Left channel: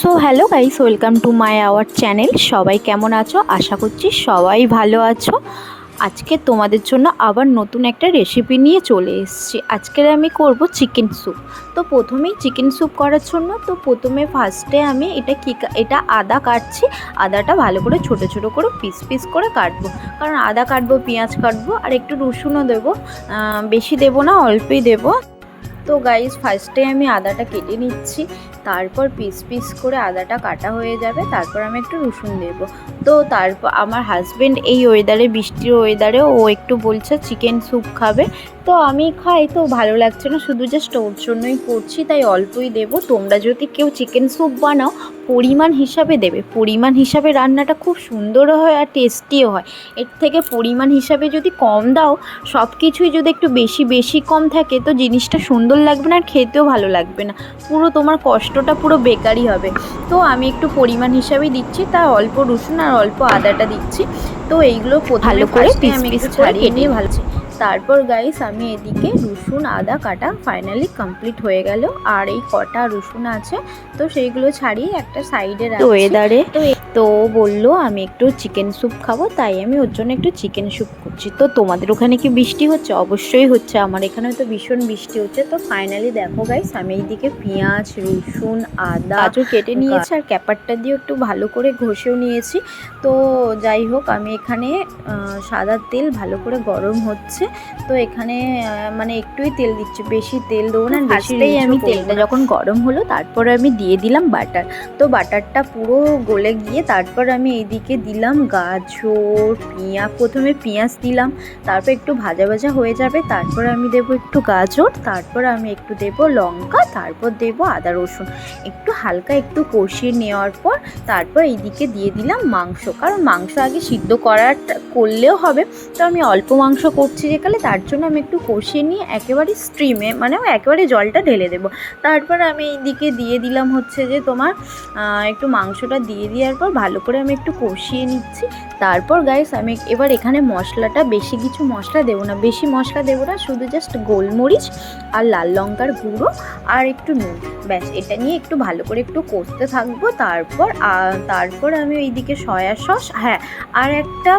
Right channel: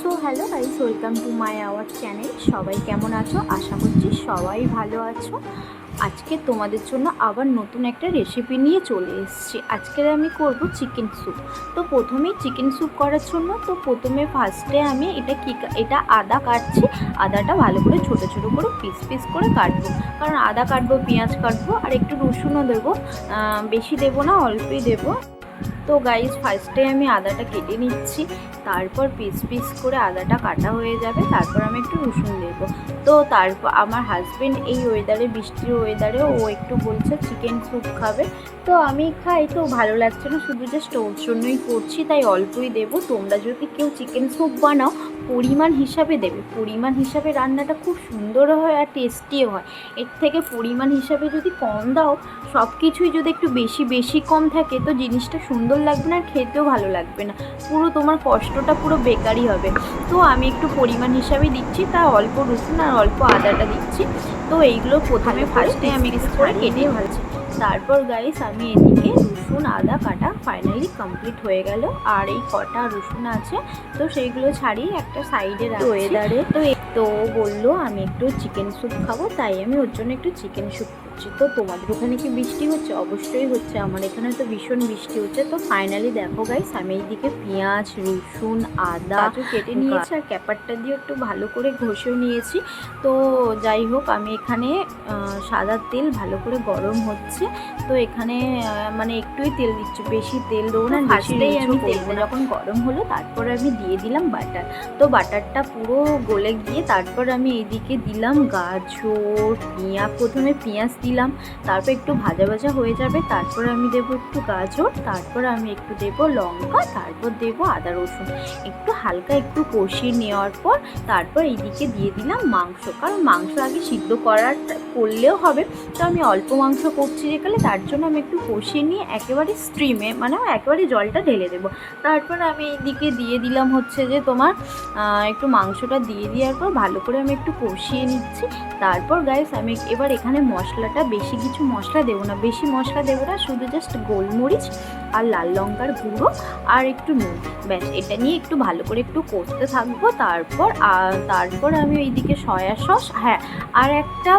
So hello guys, welcome to my our channel. সবাই কেমন আছো? আশা করছি সবাই ভালো আছো। আজকে তোমাদের জন্য আবার নতুন একটা রেসিপি নিয়ে চলে এসেছি। আজকে আমি করব চিকেন স্যুপ। তো প্রথমেই চিকেন স্যুপ করার জন্য ফার্স্টে আমি এটা আদা কাটছি। আদাটা ভালো করে ছোট ছোট করে পিস পিস করে কাটবো, কারণ আদা কাটবো, পেঁয়াজ কাটবো আর একটু রসুনও দেবো। বেশি দেবো না, অল্পই দেবো। তো গাইস, ফার্স্টে আমি আদাটা কেটে নিচ্ছি, তারপর পিস পিস করে আদাটা কাটা হয়ে যাবে, তারপর আমি একটু রসুন দেবো। তো তারপর আমার হাজব্যান্ড এই ওয়েদারে, বৃষ্টির ওয়েদারে, ও একটু বলছে চিকেন স্যুপ খাবে। তো আমি খাই, তো ভালো লাগছে না, শুধু জাস্ট ওর জন্যই করছি, তাই অল্পই দেবো। তোমরা যদি কেউ চিকেন স্যুপ বানাও, পরিমাণ হিসাবে দেবে। পরিমাণ হিসাবে রান্নাটা খুব সুন্দরও হয় আর টেস্টিও হয়। এর থেকে পরিমাণ হিসাবে যদি কম দাও, সব কিছুই যদি একটু বেশি বেশি কম থাকে, তো জিনিসটা সুন্দর লাগবে না আর খেতেও ভালো লাগবে না, পুরো তোমার কষ্টটা পুরো বেকারই হবে। তো আমি একটু পরিমাণ হিসাবেই দিচ্ছি, তাই অল্প রসুন আর অল্প আদাটা দিচ্ছি। তো এইগুলো ভালো করে আমি একটু ছাড়িয়ে নিয়ে ভালছি। তারপর গাইস, আমি এদিকে রসুন আদা কাটা ফাইনালি কমপ্লিট হয়ে গেল, আর এই কটা রসুন আছে তো সেইগুলো ছাড়িয়ে একটা সাইডে রাখছি। ওয়েদারে তো বললো আমি একটু চিকেন স্যুপ খাবো, তাই আমি ওর জন্য একটু চিকেন স্যুপ করছি। তো তোমাদের ওখানে কি বৃষ্টি হচ্ছে? অবশ্যই হচ্ছে, আমার এখানেও তো ভীষণ বৃষ্টি হচ্ছে। তো ফাইনালি দেখো গাইস, আমি এইদিকে পেঁয়াজ, রসুন, আদা কেটে নিয়েছি আর ক্যাপারটা দিয়ে একটু ভালো করে ঘষেও নিয়েছি। তো যাই হোক, আমি এখানে সাদা তেল ভালো করে গরম হচ্ছে, তো এখানে মানে একটুই তেল দিচ্ছি, বেশি তেল দেবো না। ফার্স্টেই আমি তেলটা যখন গরম হলো, তারপরে আমি দিয়ে দিলাম বাটার। তো বাটারটা পুরো গলে গিয়ে তারপর আমি এইদিকে দিলাম গাজর, পেঁয়াজ। প্রথমে পেঁয়াজ দিলাম, তারপর একটু ভাজা ভাজা হয়ে যাবে, তারপর আমি দেবো একটু গাজর, তারপর আমি একটু দেবো লঙ্কা, তারপর দেবো আদা রসুন। একটু হালকা একটু কষিয়ে নেওয়ার পর তারপর এইদিকে দিয়ে দিলাম মাংস, কারণ মাংস আগে সিদ্ধ করলেও হবে। তো আমি অল্প মাংস করছি যেখানে, তার জন্য আমি একটু কষিয়ে নিয়ে একেবারে স্ট্রিমে, মানে একেবারে জলটা ঢেলে দেবো। তারপর আমি এইদিকে দিয়ে দিলাম হচ্ছে যে তোমার একটু মাংসটা দিয়ে দেওয়ার পর ভালো করে আমি একটু কষিয়ে নিচ্ছি। তারপর গাইস, আমি এবার এখানে মশলাটা, বেশি কিছু মশলা দেবো না, বেশি মশলা দেবো না, শুধু জাস্ট গোলমরিচ আর লাল লঙ্কার গুঁড়ো আর একটু নুন, ব্যাস। এটা নিয়ে একটু ভালো করে একটু কষতে থাকবো। তারপর আমি এইদিকে সয়া সস, হ্যাঁ, আর একটা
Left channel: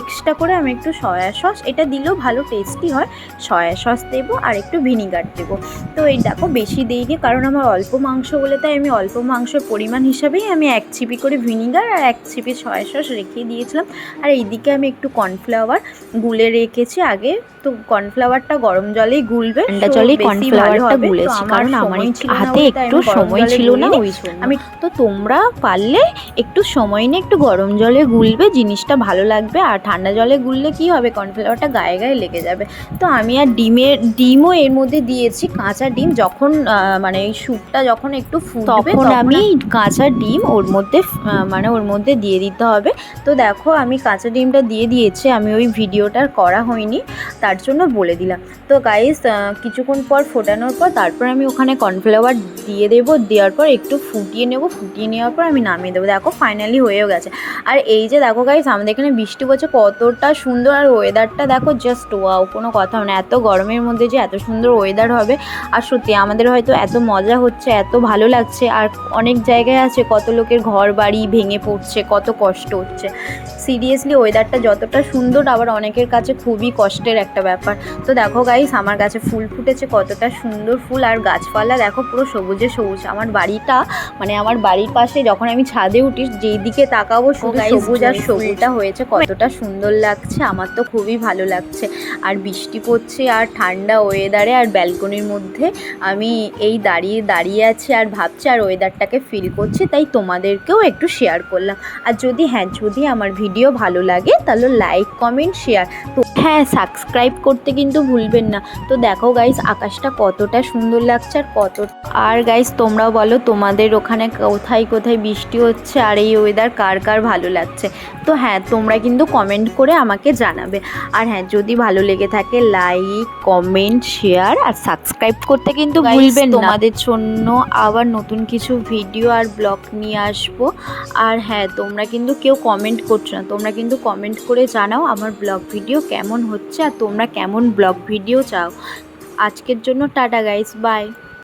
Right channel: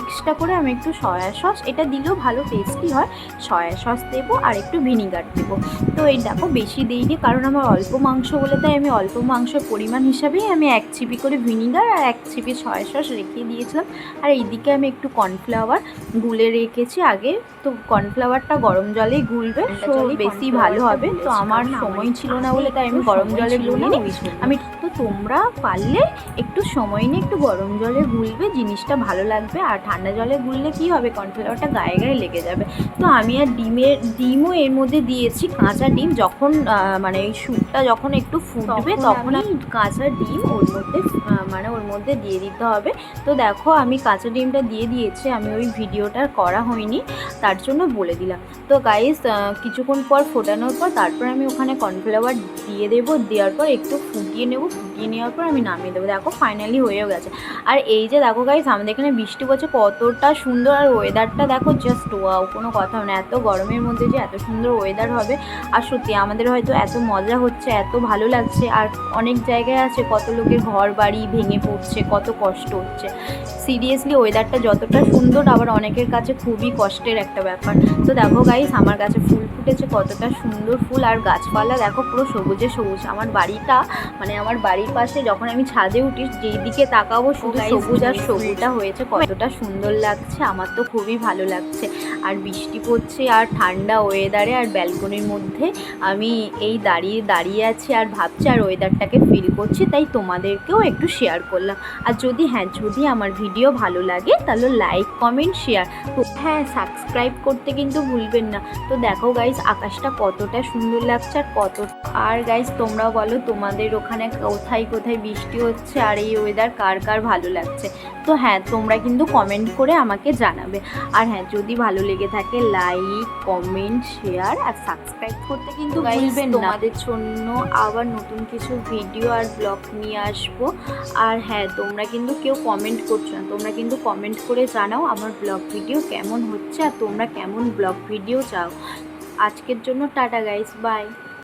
এক্সট্রা করে আমি একটু সয়া সস, এটা দিলেও ভালো টেস্টি হয়, সয়া সস দেবো আর একটু ভিনিগার দেবো। তো এই দেখো, বেশি দিইনি, কারণ আমার অল্প মাংস বলে, তাই আমি অল্প মাংসের পরিমাণ হিসাবেই আমি 1 চিপি করে ভিনিগার আর 1 চিপি সয়া সস রেখে দিয়েছিলাম। আর এইদিকে আমি একটু কর্নফ্লাওয়ার গুলে রেখেছি আগে। তো কর্নফ্লাওয়ারটা গরম জলেই গুলবে, ঠান্ডা জলেই কর্নফ্লাওয়ারটা গুলেছি, আমার হাতে একটু সময় ছিল না, আমি তো তোমরা পারলে একটু সময় নিয়ে একটু গরম জলে গুলবে, জিনিসটা ভালো লাগবে। আর ঠান্ডা জলে গুললে কি হবে, কর্নফ্লাওয়ারটা গায়ে গায়ে লেগে যাবে। তো আমি আর ডিমও এর মধ্যে দিয়েছি, কাঁচা ডিম। যখন মানে এই স্যুপটা যখন একটু ফুটবে, তখন আমি কাঁচা ডিম ওর মধ্যে দিয়ে দিতে হবে। তো দেখো, আমি কাঁচা ডিমটা দিয়ে দিয়েছি, আমি ওই ভিডিওটা করা হয়নি, তার জন্য বলে দিলাম। তো গাইস, কিছুক্ষণ পর ফোটানোর পর তারপর আমি ওখানে কর্নফ্লাওয়ার দিয়ে দেবো, দেওয়ার পর একটু ফুটিয়ে নেবো, ফুটিয়ে নেওয়ার পর আমি নামিয়ে দেবো। দেখো ফাইনালি হয়েও গেছে। আর এই যে দেখো গাইস, আমাদের এখানে বৃষ্টি পড়ছে, কতটা সুন্দর, আর ওয়েদারটা দেখো, জাস্ট ওয়াও, কোনো কথা না, এত গরমের মধ্যে যে এত সুন্দর ওয়েদার হবে। আর সত্যি আমাদের হয়তো এত মজা হচ্ছে, এত ভালো লাগছে। আর অনেক জায়গায় আছে কত লোকের ঘর বাড়ি ভেঙে পড়ছে, কত কষ্ট হচ্ছে। সিরিয়াসলি ওয়েদারটা যতটা সুন্দর, আবার অনেকের কাছে খুবই কষ্টের একটা ব্যাপার। তো দেখো গাইস, আমার কাছে ফুল ফুটেছে, কতটা সুন্দর ফুল, আর গাছপালা দেখো পুরো সবুজে সবুজ। আমার বাড়িটা, মানে আমার বাড়ির পাশে যখন আমি ছাদে উঠি, যেই দিকে তাকাবো শুধু সবুজ আর সবুজটা হয়েছে, কতটা সুন্দর লাগছে, আমার তো খুবই ভালো লাগছে। আর বৃষ্টি পড়ছে আর ঠান্ডা ওয়েদারে, আর ব্যালকনির মধ্যে আমি এই দাঁড়িয়ে আছি আর ভাবছি আর ওয়েদারটাকে ফিল করছি, তাই তোমাদেরকেও একটু শেয়ার করলাম। আর যদি আমার ভিডিও ভালো লাগে, তাহলে লাইক, কমেন্ট, শেয়ার, তো হ্যাঁ, সাবস্ক্রাইব করতে কিন্তু ভুলবেন না। তো দেখো গাইস, আকাশটা কতটা সুন্দর লাগছে, আর গাইস, তোমরাও বলো তোমাদের ওখানে কোথায় কোথায় বৃষ্টি হচ্ছে, আর এই ওয়েদার কার কার ভালো লাগছে। তো হ্যাঁ, তোমরা কিন্তু কমেন্ট করে আমাকে জানাবে। আর হ্যাঁ, যদি ভালো লেগে থাকে, লাইক, কমেন্ট, শেয়ার আর সাবস্ক্রাইব করতে কিন্তু ভুলবেন না। তোমাদের জন্য আবার নতুন কিছু ভিডিও আর ব্লগ নিয়ে আসবো। আর হ্যাঁ, তোমরা কিন্তু কেউ কমেন্ট করছো না, তোমরা কিন্তু কমেন্ট করে জানাও আমার ব্লগ ভিডিও কেমন হচ্ছে, আর তোমরা কেমন ব্লগ ভিডিও চাও। আজকের জন্য টাটা গাইস, বাই।